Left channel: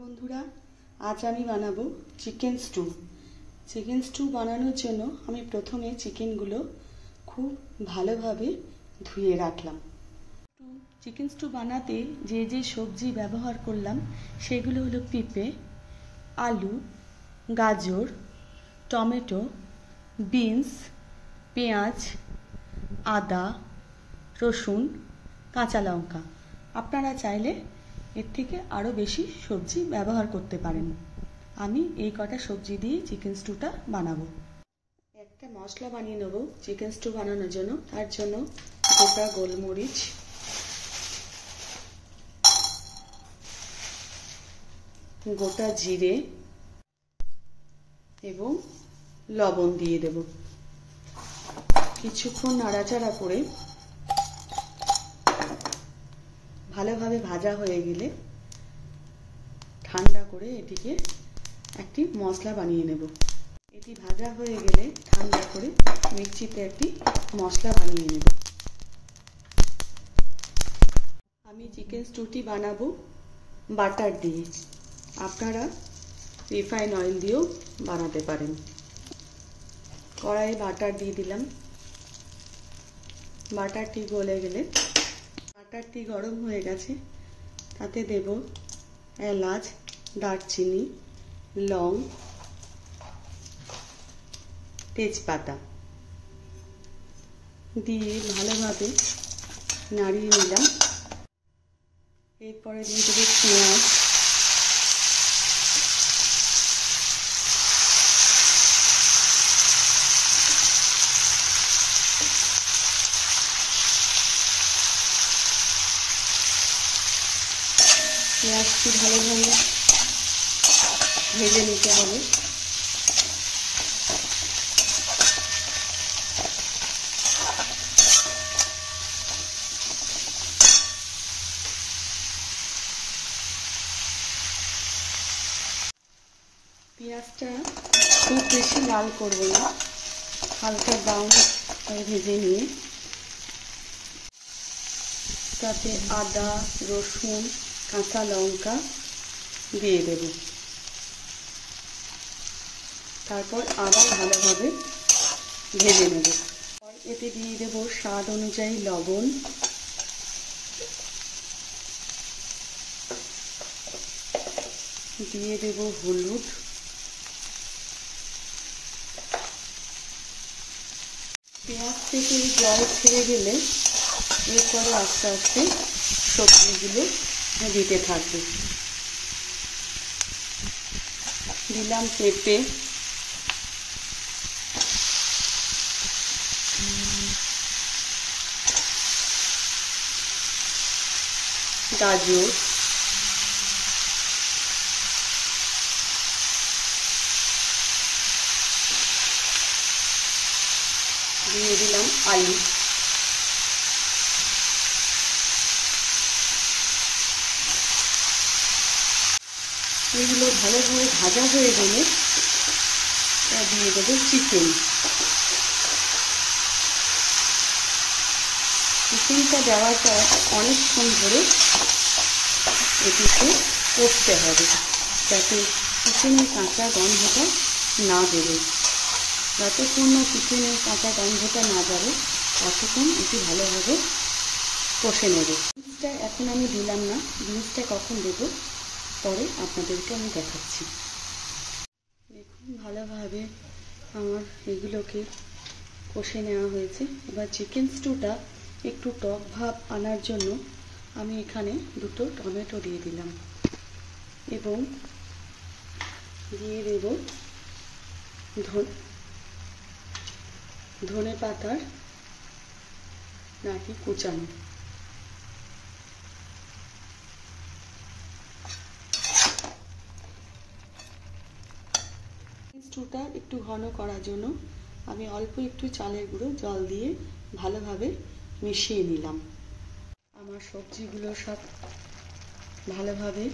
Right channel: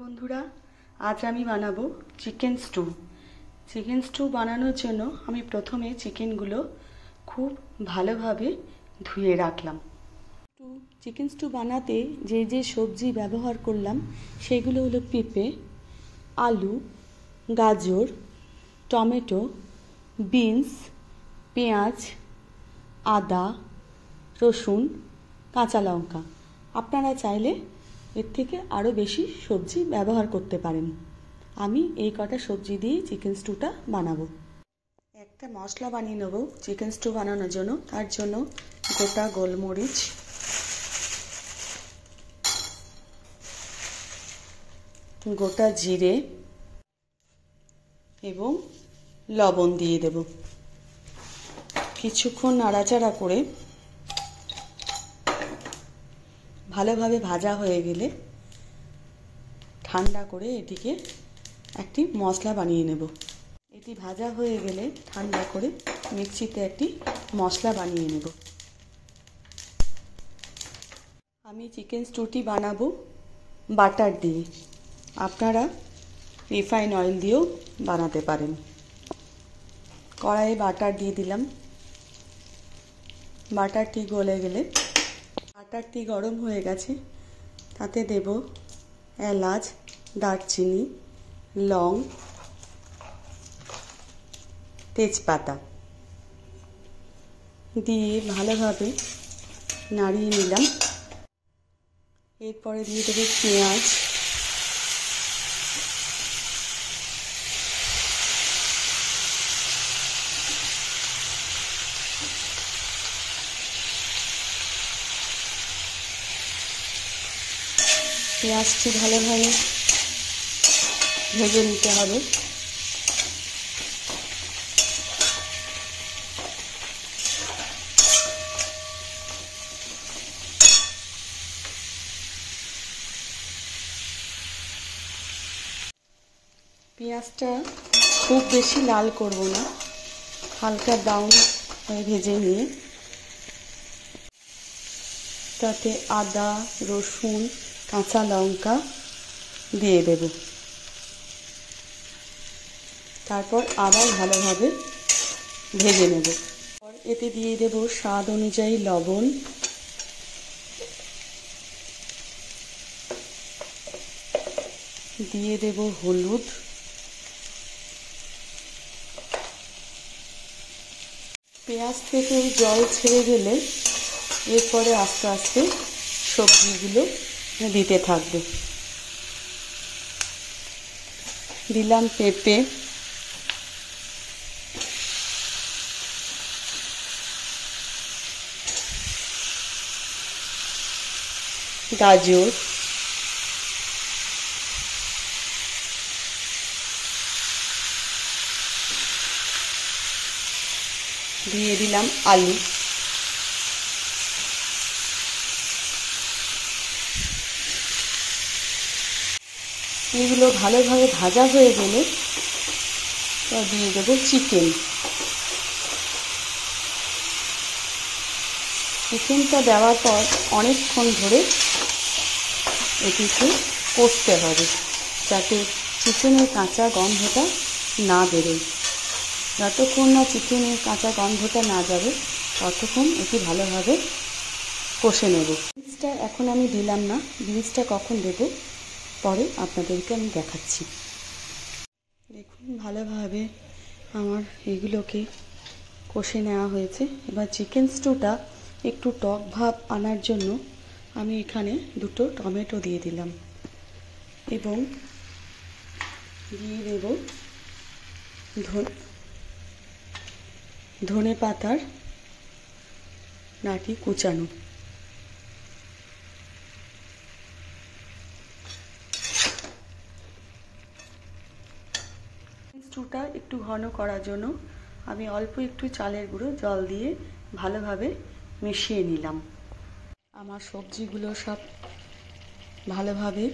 বন্ধুরা, আজ আমি বানাবো চিকেন স্টু। চিকেন স্টু বানানোর জন্য আমি প্রথমে চিকেনগুলো খুব ভালোভাবে ধুয়ে রাখলাম। চিকেন স্টু বানাতে যে যে সবজি ব্যবহার করলাম সেগুলো হলো পেঁপে, আলু, গাজর, টমেটো, বিনস, পেঁয়াজ, আদা, রসুন, কাঁচা লঙ্কা। আপনারা চাইলে এর থেকে আরও বেশি সবজি ব্যবহার করতে পারেন। আমি এই কটা সবজি দিয়েই চিকেন স্টুটা বানাবো। একটা মশলা বানিয়ে নেব চিকেন স্টু বানানোর জন্য। তার জন্য গোটা গোলমরিচ, গোটা জিরে এবং লবণ দিয়ে দেব। কিছুক্ষণ নাড়াচাড়া করে ভালোভাবে ভাজা হয়ে গেলে ঠান্ডা করে এটিকে একটি মশলা বানিয়ে নেব। এটি ভাজা হয়ে গেলে ঠান্ডা করে মিক্সিতে একটি মশলা বানিয়ে নেব। আমি চিকেন স্টুটি বানাবো বাটার দিয়ে। আপনারা রিফাইন অয়েল দিয়েও বানাতে পারেন। কড়াইয়ে বাটার দিয়ে দিলাম। বাটারটি গলে গেলে, বাটারটি গরম হয়ে গেছে, তাতে দেব এলাচ, দারচিনি, লং, তেজপাতা দিয়ে ভালোভাবে নাড়িয়ে নিলাম। এরপরে দিয়ে দেব পেঁয়াজ, পেঁয়াজটি ভালোভাবে ভেজে নিতে হবে। পেঁয়াজটা খুব বেশি লাল করব না, হালকা ব্রাউন ভেজে নিয়ে তাতে আদা, রসুন, কাঁচা লঙ্কা দিয়ে দেব। তারপর আবার ভালোভাবে ভেজে নেব। এতে দিয়ে দেব স্বাদ অনুযায়ী লবণ, দিয়ে দেব হলুদ, পেঁয়াজ থেকে জল ছেড়ে গেলে এরপরে আস্তে আস্তে সবজিগুলো দিতে থাকবে। দিলাম পেঁপে, গাজর, দিয়ে দিলাম আলু, এগুলো ভালোভাবে ভাজা হয়ে গেলে দিয়ে দেবো চিকেন। চিকেনটা দেওয়ার পর অনেকক্ষণ ধরে এটিকে কষতে হবে, যাতে চিকেনের কাঁচা গন্ধটা না বেরোয়। যতক্ষণ না চিকেনের কাঁচা গন্ধটা না যাবে ততক্ষণ এটি ভালোভাবে কষে নেব। বীজটা এখন আমি দিলাম না, বীজটা কখন দেব পরে আপনাদেরকে আমি দেখাচ্ছি। দেখুন ভালোভাবে আমার এগুলোকে কষে নেওয়া হয়েছে। এবার চিকেন স্টুটা একটু টক ভাব আনার জন্য আমি এখানে দুটো টমেটো দিয়ে দিলাম এবং দিয়ে দেব ধনে পাতার নাটি কুচানো। স্টুটা একটু ঘন করার জন্য আমি অল্প একটু চালের গুঁড়ো জল দিয়ে ভালোভাবে মিশিয়ে নিলাম। আমার সবজিগুলো সব ভালোভাবে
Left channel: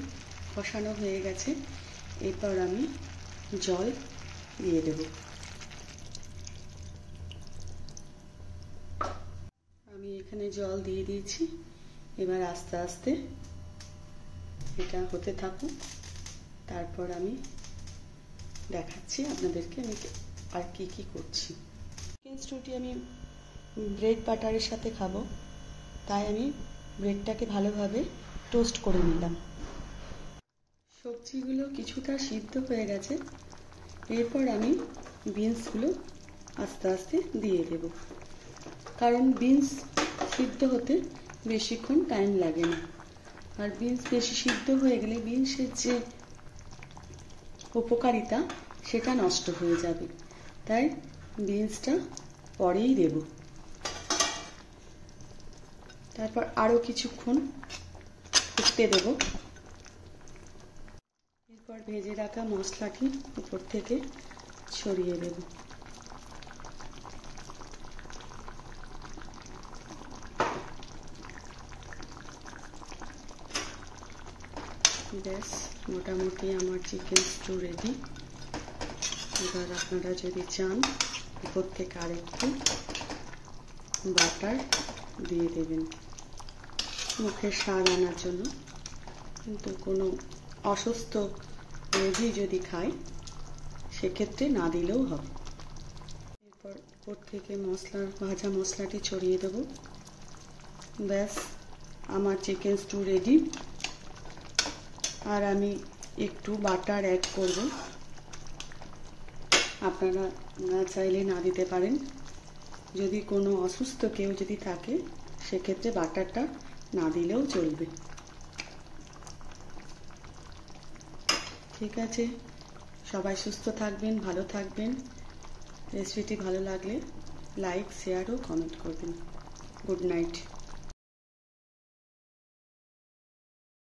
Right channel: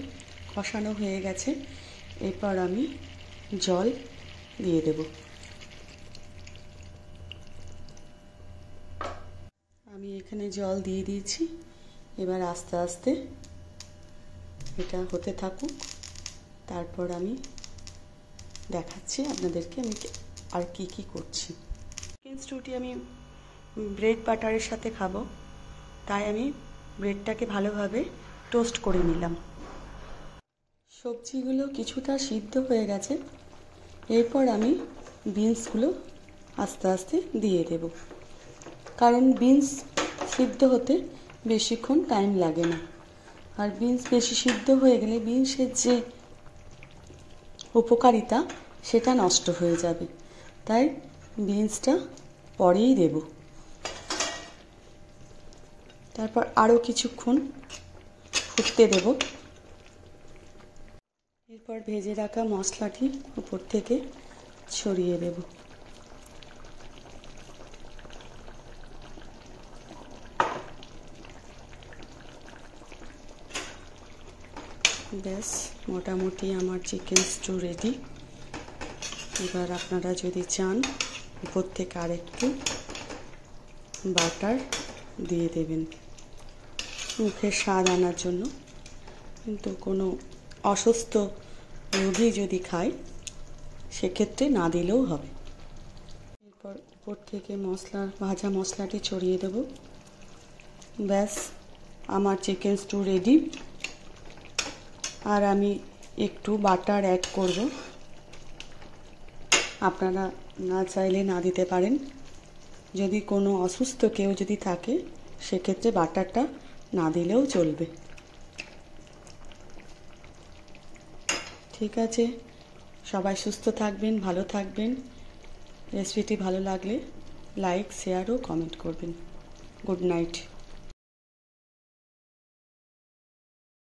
কষানো হয়ে গেছে। এরপর আমি জল দিয়ে দেব। আমি এখানে জল দিয়ে দিয়েছি। এবার আস্তে আস্তে এটা হতে থাকুক। তারপর আমি দেখাচ্ছি আপনাদেরকে আমি আর কি করছি। চিকেন স্টুটি আমি ব্রেড বাটারের সাথে খাবো, তাই আমি ব্রেডটাকে ভালোভাবে টোস্ট করে নিলাম। সবজিগুলো কিছুটা সিদ্ধ হয়ে গেছে, এরপর আমি বিনসগুলো আস্তে আস্তে দিয়ে দেব, কারণ বিনস সিদ্ধ হতে বেশিক্ষণ টাইম লাগে না। আর বিনস বেশি সিদ্ধ হয়ে গেলে বিনসের যে উপকারিতা সেটা নষ্ট হয়ে যাবে, তাই বিনসটা পরেই দেব। তারপর আরও কিছুক্ষণ ফুটতে দেব। এরপর ভেজে রাখা মশলাটি উপর থেকে ছড়িয়ে দেব। ব্যাস, মোটামুটি আমার চিকেন স্টু রেডি। এবার আপনারা যদি চান উপর থেকে আরেকটু বাটার দিয়ে দেবেন মুখের স্বাদ আনার জন্য, কিন্তু কোনো অসুস্থ রোগী যদি খায় সেক্ষেত্রে না দিলেও হবে। এরপর উপর থেকে ভাজা মশলাটি ছড়িয়ে দেব। ব্যাস, আমার চিকেন স্টু রেডি। আর আমি একটু বাটার অ্যাড করব, আপনারা না চাইলে না দিতে পারেন। যদি কোনো অসুস্থ কেউ যদি থাকে সেক্ষেত্রে বাটারটা না দিলেও চলবে। ঠিক আছে, সবাই সুস্থ থাকবেন, ভালো থাকবেন। রেসিপিটি ভালো লাগলে লাইক, শেয়ার ও কমেন্ট করবেন। Good night.